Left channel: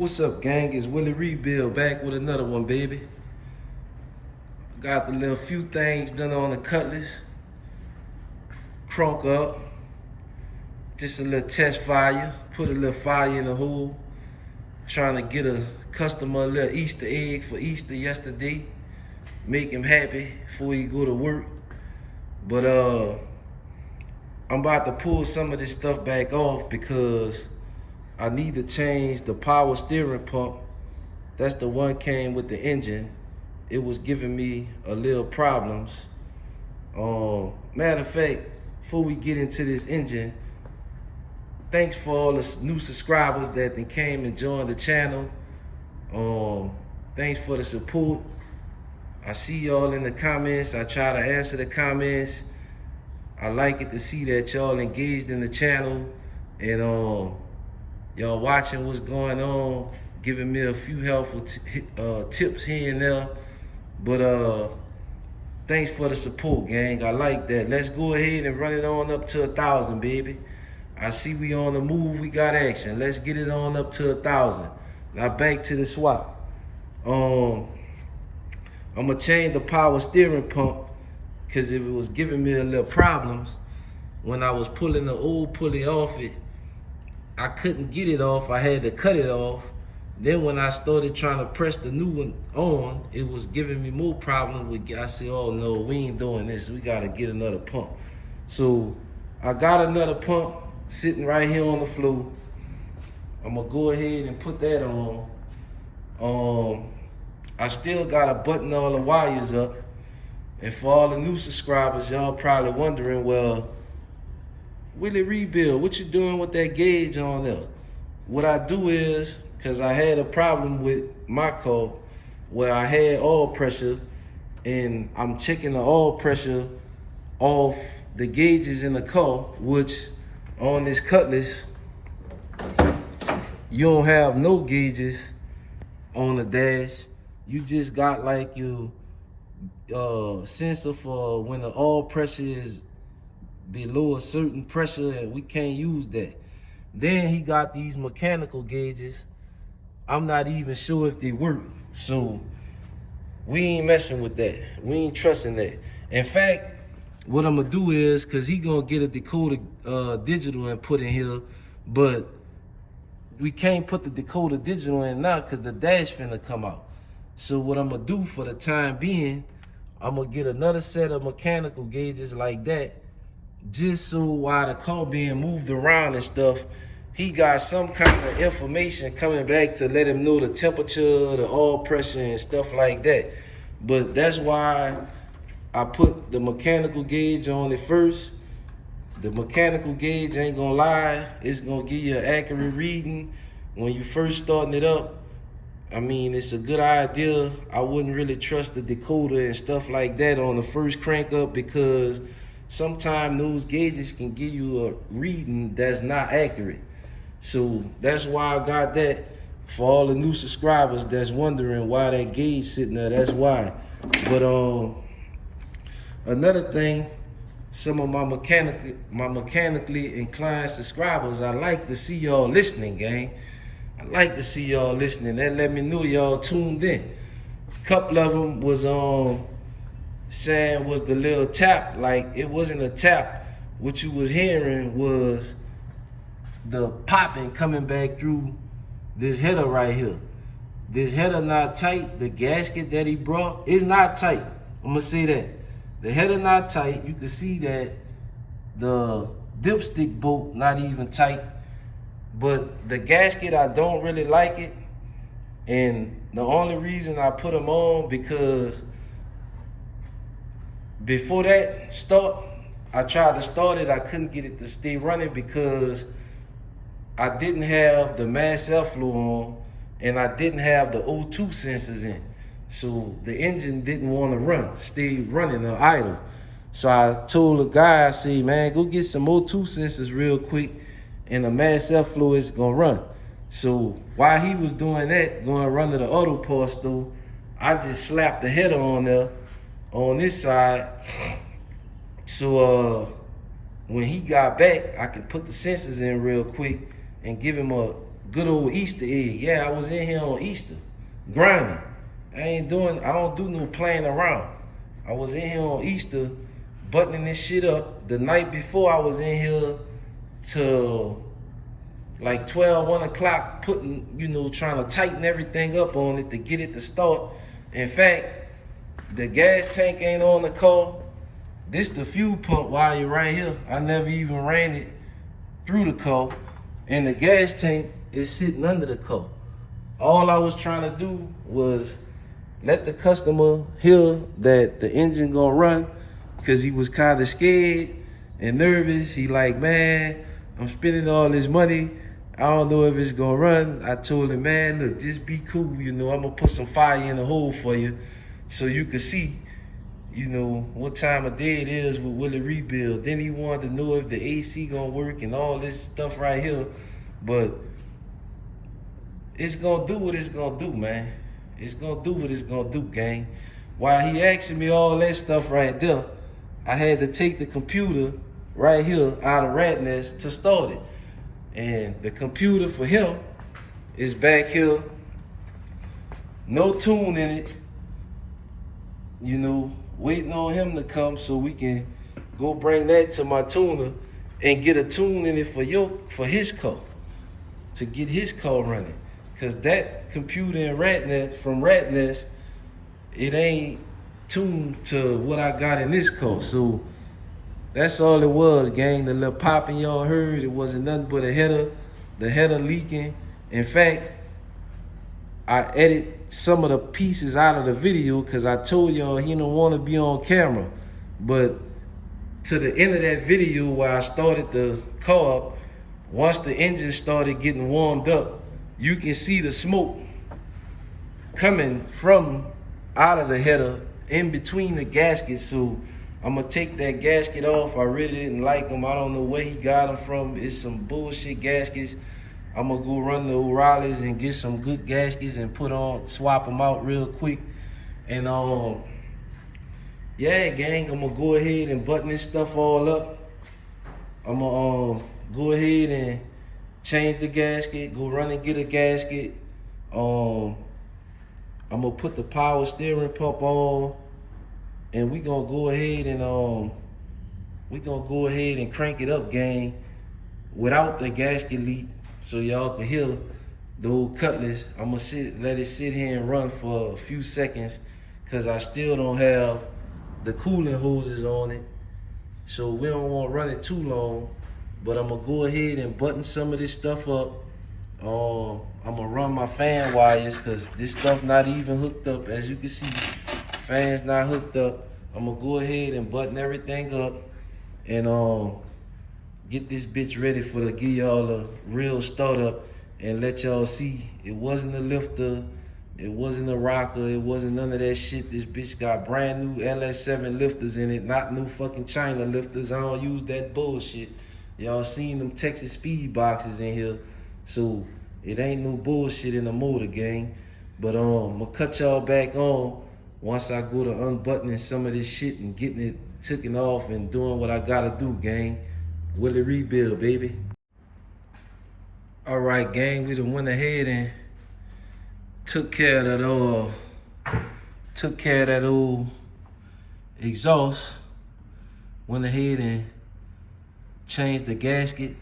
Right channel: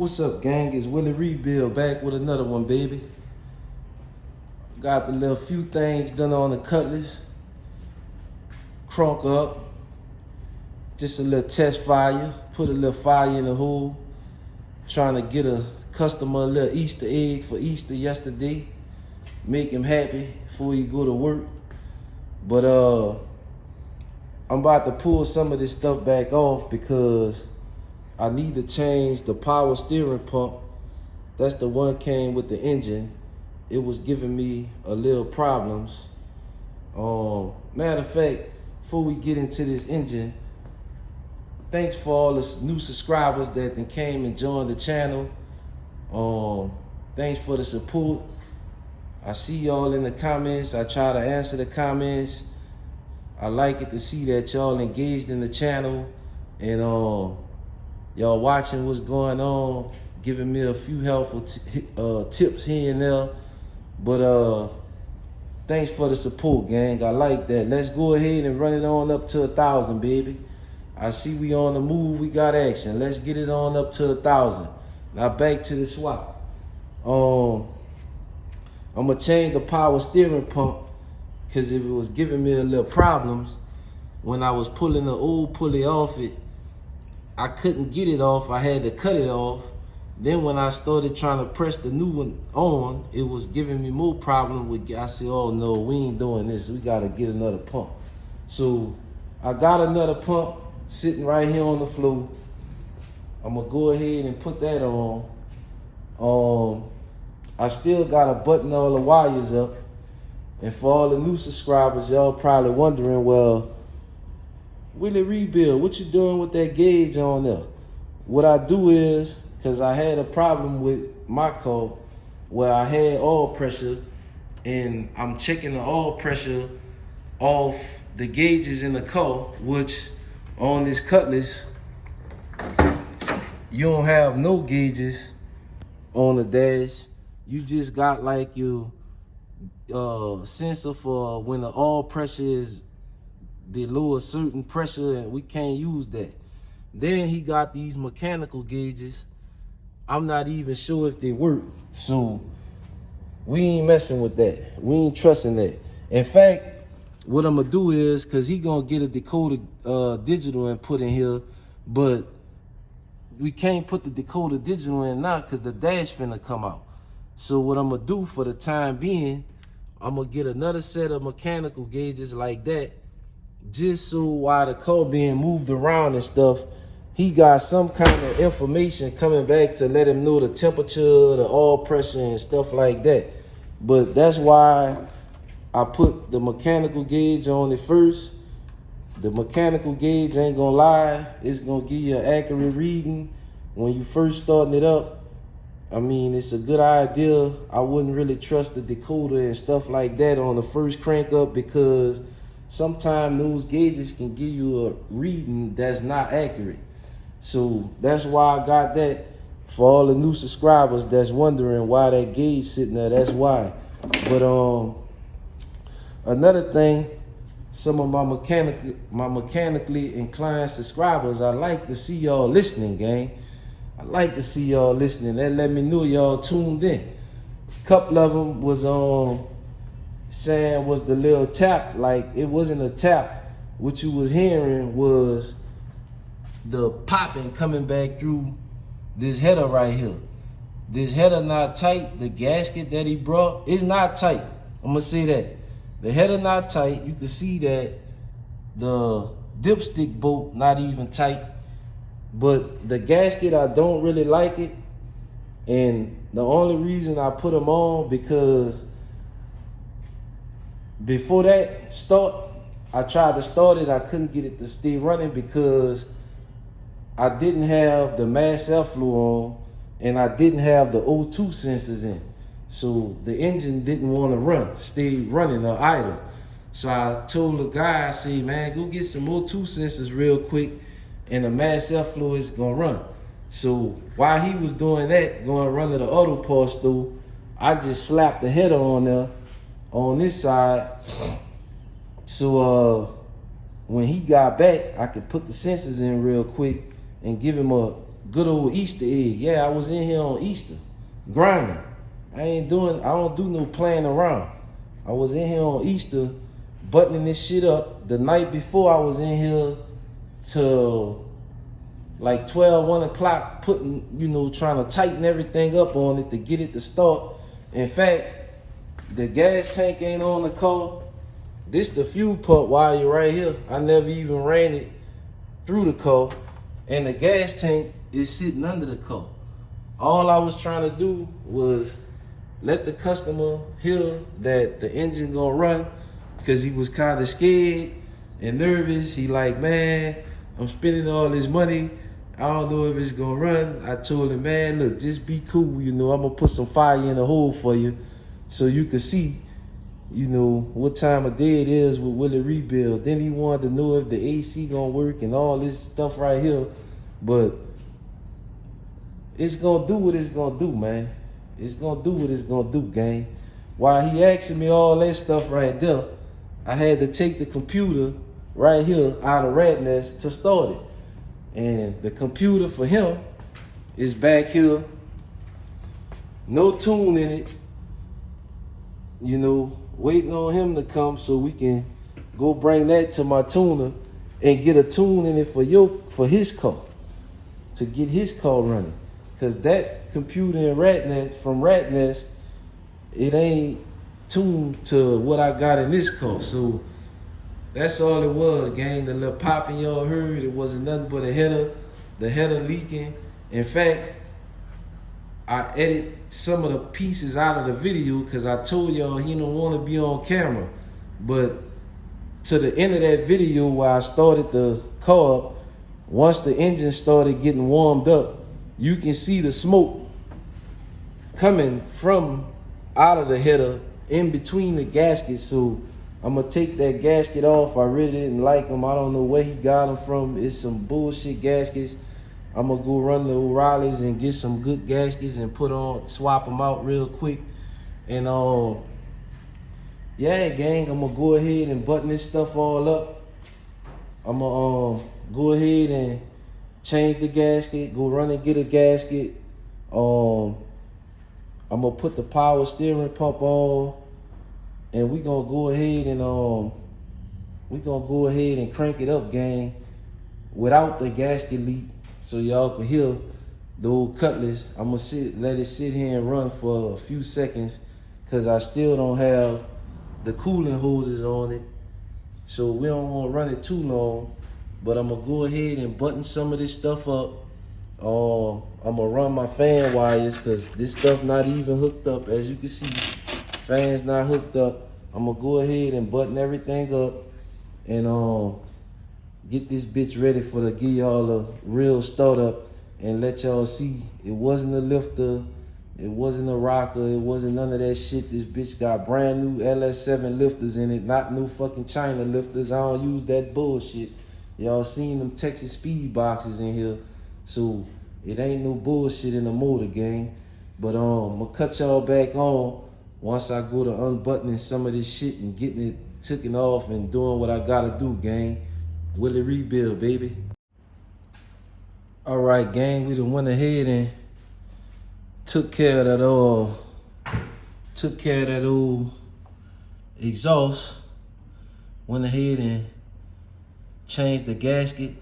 What's up, gang? It's Willie Rebuild back with another one, baby. Got the little few things done on the cutlass. Crunk up. Just a little test fire. Put a little fire in the hole. Trying to get a customer a little Easter egg for Easter yesterday. Make him happy before he go to work. But I'm about to pull some of this stuff back off because I need to change the power steering pump. That's the one came with the engine. It was giving me a little problems. Matter of fact, before we get into this engine, thanks for all the new subscribers that then came and joined the channel. Thanks for the support. I see y'all in the comments. I try to answer the comments. I like it to see that y'all engaged in the channel and y'all watching what's going on, giving me a few helpful tips here and there. But thanks for the support, gang. I like that. Let's go ahead and run it on up to 1,000, baby. I see we on the move. We got action. Let's get it on up to 1,000. Now back to the swap. I'm gonna change the power steering pump because it was giving me a little problems when I was pulling the old pulley off it. I couldn't get it off. I had to cut it off. Then when I started trying to press the new one on, it was giving me more problems. I said, oh no, we ain't doing this. We gotta get another pump. So I got another pump sitting right here on the floor. I'm gonna go ahead and put that on. I still gotta button all the wires up. And for all the new subscribers, y'all probably wondering, well, Willie Rebuild, what you doing with that gauge on there? What I do is, because I had a problem with my car where I had oil pressure and I'm checking the oil pressure off the gauges in the car, which on this cutlass, you don't have no gauges on the dash. You just got like your sensor for when the oil pressure is below a certain pressure, and we can't use that. Then he got these mechanical gauges. I'm not even sure if they work. So we ain't messing with that. We ain't trusting that. In fact, what I'm gonna do is, cause he gonna get a decoder digital and put in here, but we can't put the decoder digital in now cause the dash finna come out. So what I'm gonna do for the time being, I'm gonna get another set of mechanical gauges like that, just so while the car being moved around and stuff, he got some kind of information coming back to let him know the temperature, the oil pressure and stuff like that. But that's why I put the mechanical gauge on it first. The mechanical gauge, ain't gonna lie, it's gonna give you an accurate reading when you first starting it up. I mean, it's a good idea. I wouldn't really trust the decoder and stuff like that on the first crank up because sometimes those gauges can give you a reading that's not accurate. So that's why I got that. For all the new subscribers that's wondering why that gauge sitting there, that's why. But another thing, some of my mechanically inclined subscribers, I like to see y'all listening, gang. I like to see y'all listening. That let me know y'all tuned in. A couple of them was saying was the little tap. Like, it wasn't a tap. What you was hearing was the popping coming back through this header right here. This header not tight. The gasket that he brought is not tight. I'm gonna say that. The header not tight. You can see that the dipstick bolt not even tight. But the gasket, I don't really like it. And the only reason I put them on because before that start, I tried to start it. I couldn't get it to stay running because I didn't have the mass airflow on and I didn't have the O2 sensors in. So the engine didn't want to stay running or idle. So I told the guy, I said, man, go get some O2 sensors real quick and the mass airflow is gonna run. So while he was doing that, going to run to the auto parts store, I just slapped the header on there on this side. So when he got back, I could put the sensors in real quick and give him good old Easter egg. Yeah, I was in here on Easter, grinding. I don't do no playing around. I was in here on Easter, buttoning this shit up. The night before, I was in here till like 12, 1 o'clock, trying to tighten everything up on it to get it to start. In fact, the gas tank ain't on the car. This the fuel pump wire right here. I never even ran it through the car. And the gas tank is sitting under the car. All I was trying to do was let the customer hear that the engine gonna run, because he was kind of scared and nervous. He like, man, I'm spending all this money. I don't know if it's gonna run. I told him, man, look, just be cool. I'm gonna put some fire in the hole for you so you can see, what time of day it is with Willie Rebuild. Then he wanted to know if the AC gonna work and all this stuff right here. But it's gonna do what it's gonna do, man. It's gonna do what it's gonna do, gang. While he asking me all that stuff right there, I had to take the computer right here out of Rat Nest to start it. And the computer for him is back here, no tune in it, waiting on him to come so we can go bring that to my tuner and get a tune in it for his car, to get his car running. Cause that computer in from Rat Nest, it ain't tuned to what I got in this car. So that's all it was, gang. The little popping y'all heard, it wasn't nothing but a header, the header leaking. In fact, I edit some of the pieces out of the video because I told y'all he don't want to be on camera. But to the end of that video where I started the car up, once the engine started getting warmed up, you can see the smoke coming from out of the header in between the gaskets. So I'm gonna take that gasket off. I really didn't like him. I don't know where he got them from. It's some bullshit gaskets. I'm gonna go run the O'Reilly's and get some good gaskets and swap them out real quick. And yeah, gang, I'm gonna go ahead and button this stuff all up. I'm gonna go ahead and change the gasket, go run and get a gasket. I'm gonna put the power steering pump on, and we gonna go ahead and crank it up, gang, without the gasket leak, so y'all can hear the old Cutlass. I'm gonna let it sit here and run for a few seconds, cause I still don't have the cooling hoses on it, so we don't want to run it too long. But I'm gonna go ahead and button some of this stuff up. I'm gonna run my fan wires, cause this stuff not even hooked up. As you can see, fan's not hooked up. I'm gonna go ahead and button everything up and get this bitch ready to give y'all a real start up and let y'all see it wasn't a lifter, it wasn't a rocker, it wasn't none of that shit. This bitch got brand new LS7 lifters in it, not new fucking China lifters. I don't use that bullshit. Y'all seen them Texas speed boxes in here, so it ain't no bullshit in the motor, gang. But I'm gonna cut y'all back on once I go to unbuttoning some of this shit and getting it taken off and doing what I gotta do, gang. Willie Rebuild, baby. All right, gang, we done went ahead and took care of that old exhaust. Went ahead and changed the gasket.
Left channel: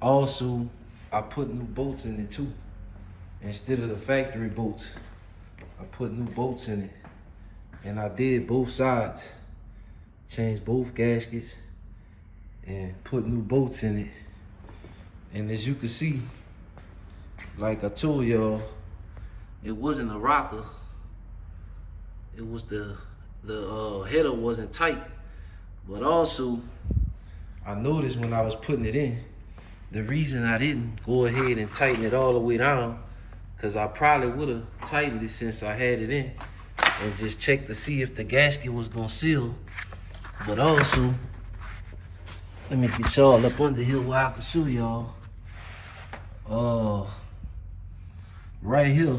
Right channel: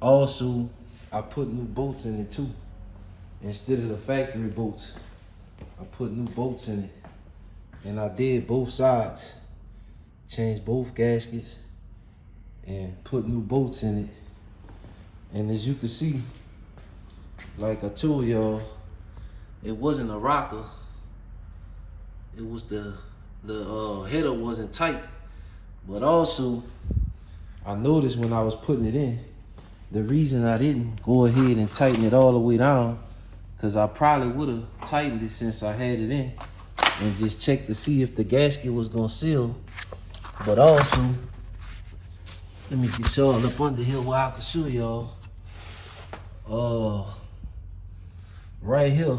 Also, I put new bolts in it too. Instead of the factory bolts, I put new bolts in it. And I did both sides. Changed both gaskets and put new bolts in it. And as you can see, like I told y'all, it wasn't a rocker. It was the header wasn't tight. But also, I noticed when I was putting it in, the reason I didn't go ahead and tighten it all the way down, because I probably would have tightened it since I had it in and just checked to see if the gasket was gonna seal. But also, let me get y'all up under here where I can show y'all. Right here,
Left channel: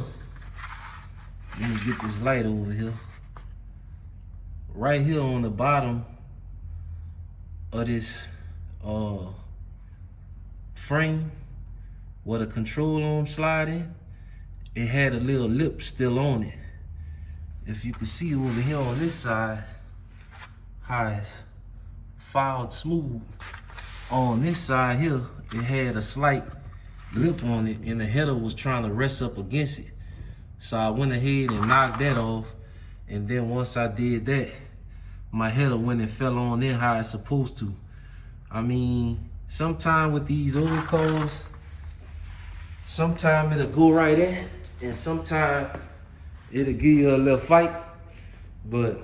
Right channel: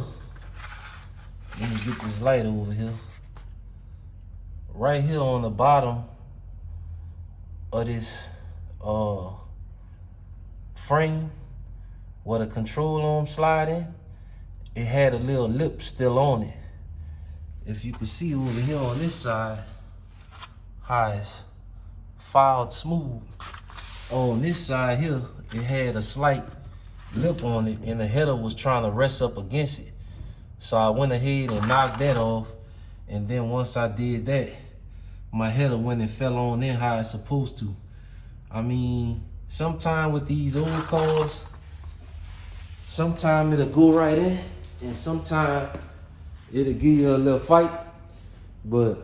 let me get this light over here. Right here on the bottom of this frame, where the control arm slide in, it had a little lip still on it. If you can see over here on this side, how it's filed smooth. On this side here, it had a slight lip on it and the header was trying to rest up against it. So I went ahead and knocked that off. And then once I did that, my header went and fell on in how it's supposed to. I mean, sometime with these old cars, sometime it'll go right in and sometime it'll give you a little fight, but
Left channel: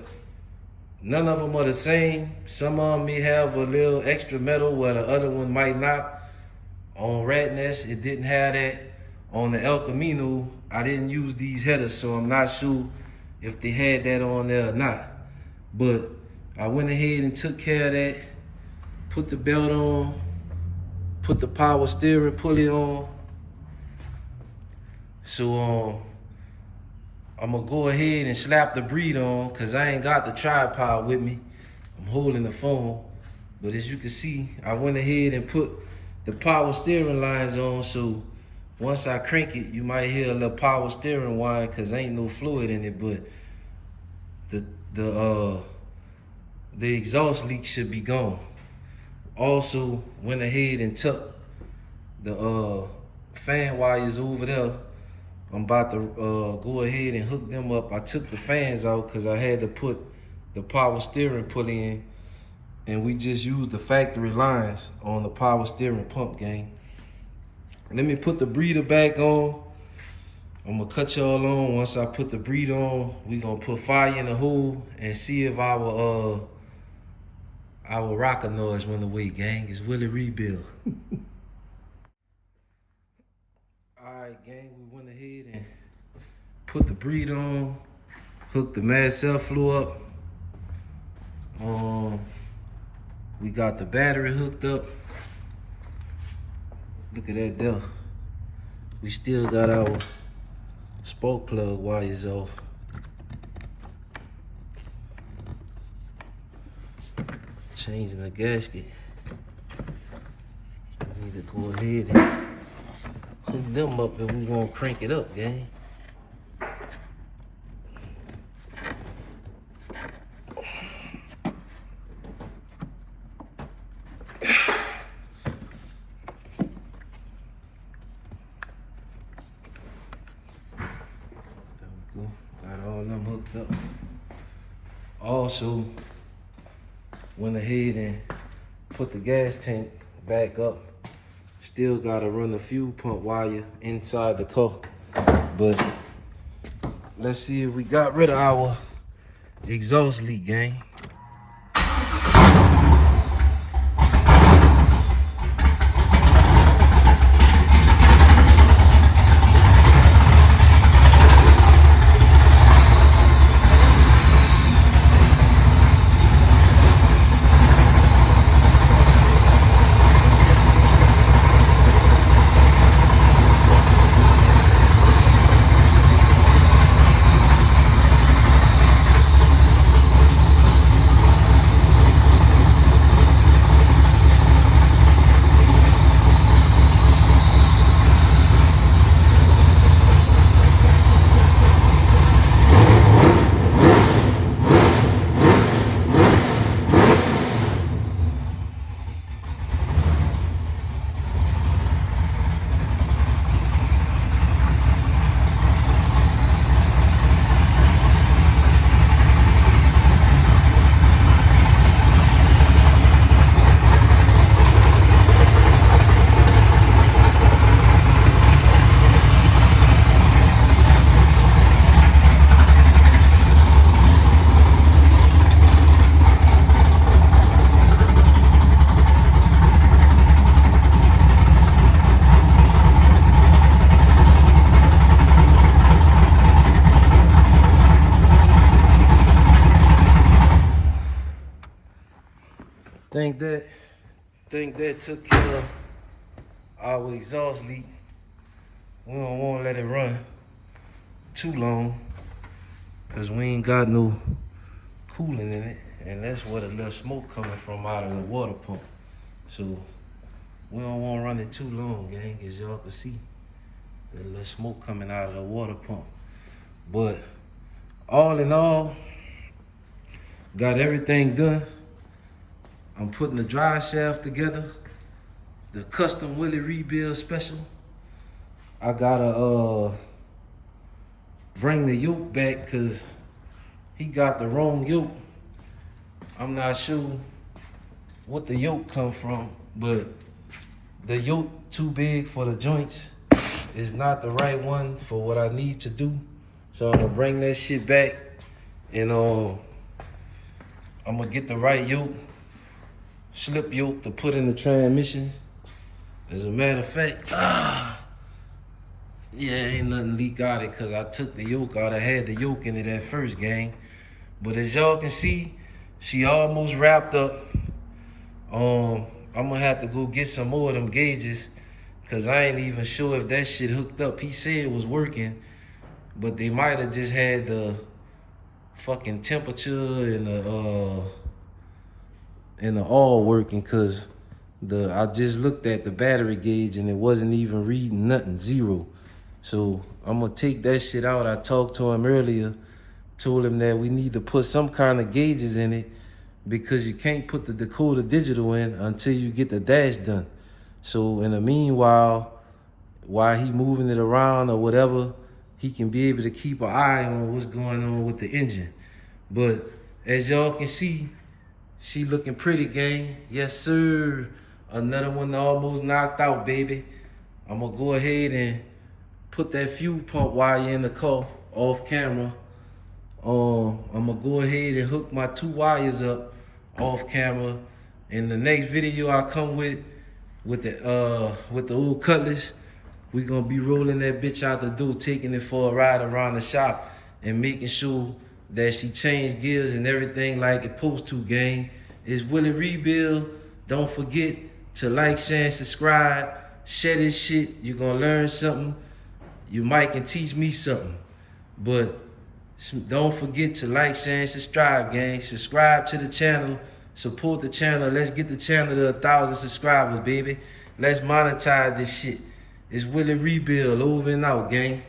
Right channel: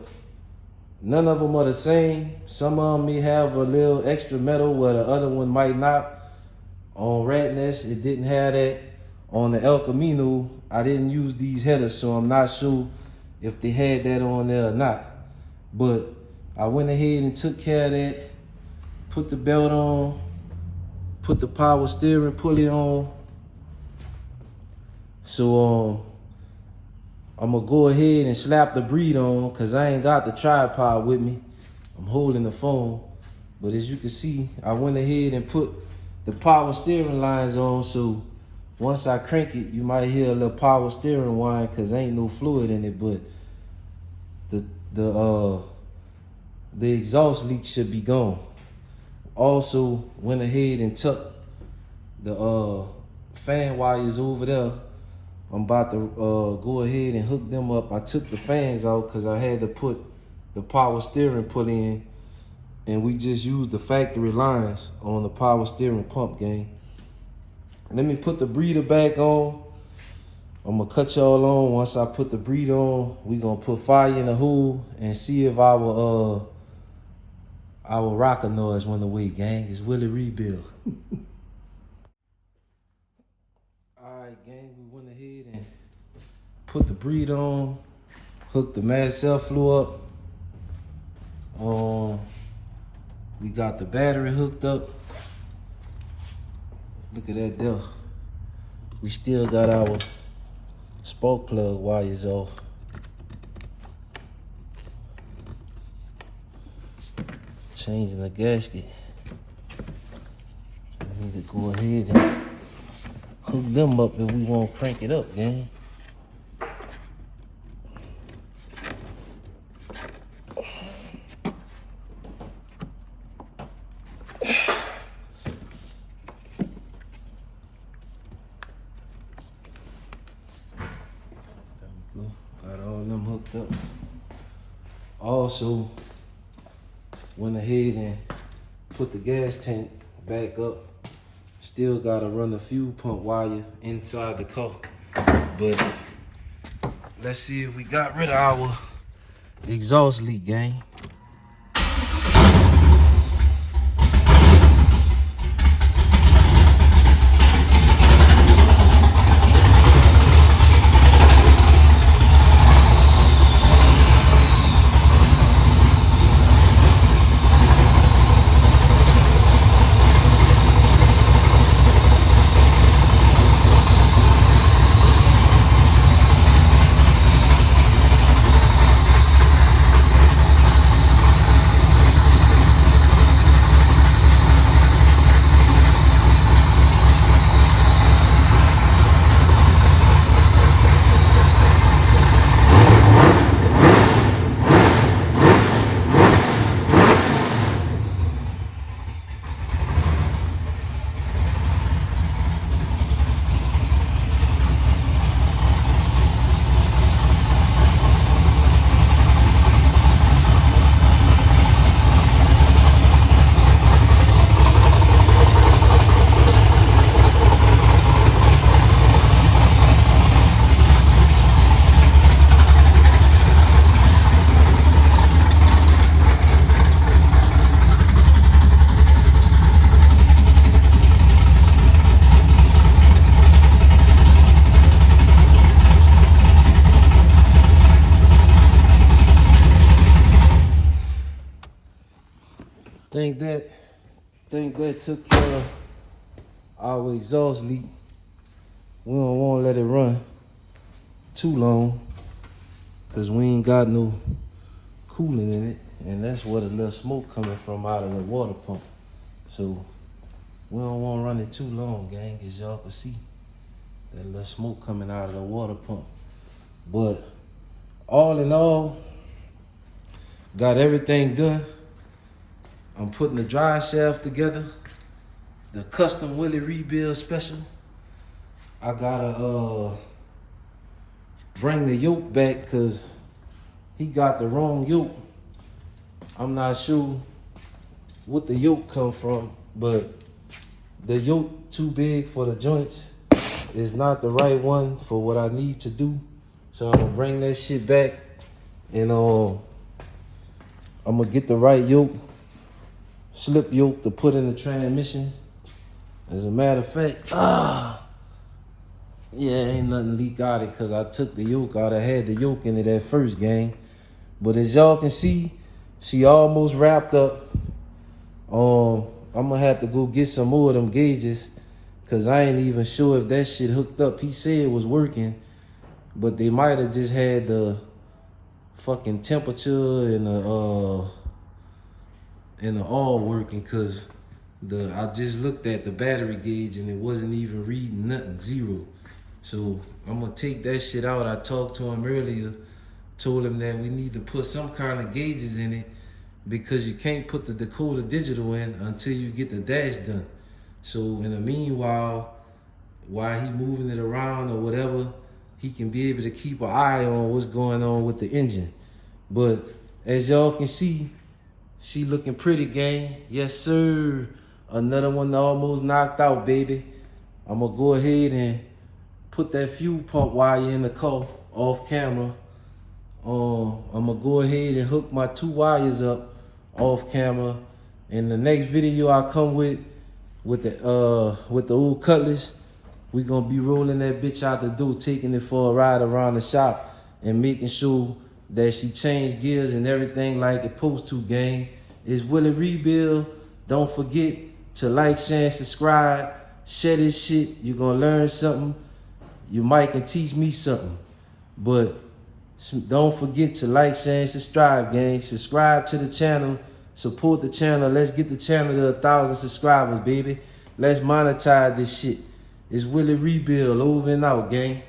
none of them are the same. Some of them may have a little extra metal where the other one might not. On Ratness, it didn't have that. On the El Camino, I didn't use these headers, so I'm not sure if they had that on there or not. But I went ahead and took care of that, put the belt on, put the power steering pulley on. So I'm gonna go ahead and slap the breed on because I ain't got the tripod with me. I'm holding the phone. But as you can see, I went ahead and put the power steering lines on, so once I crank it, you might hear a little power steering whine because ain't no fluid in it, but the exhaust leak should be gone. Also went ahead and tucked the fan wires over there. I'm about to go ahead and hook them up. I took the fans out because I had to put the power steering pulley in, and we just used the factory lines on the power steering pump, gang. Let me put the breather back on. I'm gonna cut y'all on. Once I put the breather on, we gonna put fire in the hood and see if our rocker noise went away, gang. It's Willie Rebuild. Alright, gang, we went ahead and put the breather on, hooked the mad cell flu up. We got the battery hooked up. Look at that there. We still got our spark plug wires off. Changing the gasket. We need to go ahead and hook them up if we want to crank it up, gang. Got all them hooked up. Also, went ahead and put the gas tank back up. Still gotta run the fuel pump wire inside the car. But let's see if we got rid of our exhaust leak, gang. Think that took care of our exhaust leak. We don't want to let it run too long because we ain't got no coolant in it, and that's where the little smoke coming from out of the water pump. So We don't want to run it too long, gang, as y'all can see. That little smoke coming out of the water pump. But all in all, got everything done. I'm putting the drive shaft together, the custom Willie rebuild special. I gotta bring the yoke back because he got the wrong yoke. I'm not sure what the yoke come from, but the yoke too big for the joints. Is not the right one for what I need to do. So I'm gonna bring that shit back and I'm gonna get the right yoke, slip yoke to put in the transmission. As a matter of fact, yeah, ain't nothing leak out it because I took the yoke out. I had the yoke in it at first, gang. But as y'all can see, she almost wrapped up. I'm gonna have to go get some more of them gauges because I ain't even sure if that shit hooked up. He said it was working, but they might have just had the fucking temperature and the all working because I just looked at the battery gauge and it wasn't even reading nothing, 0. So I'm gonna take that shit out. I talked to him earlier, told him that we need to put some kind of gauges in it because you can't put the Dakota digital in until you get the dash done. So in the meanwhile, while he moving it around or whatever, he can be able to keep an eye on what's going on with the engine. But as y'all can see, she looking pretty, gang. Yes, sir. Another one almost knocked out, baby. I'm gonna go ahead and put that fuel pump wire in the car off camera. I'm gonna go ahead and hook my 2 wires up off camera. In the next video I come with the old cutlass, we gonna be rolling that bitch out the door, taking it for a ride around the shop and making sure that she changed gears and everything like it's supposed to, gang. It's Willie Rebuild. Don't forget to like, share, and subscribe. Share this shit. You're gonna learn something. You might can teach me something. But don't forget to like, share, and subscribe, gang. Subscribe to the channel. Support the channel. Let's get the channel to 1,000 subscribers, baby. Let's monetize this shit. It's Willie Rebuild, over and out, gang.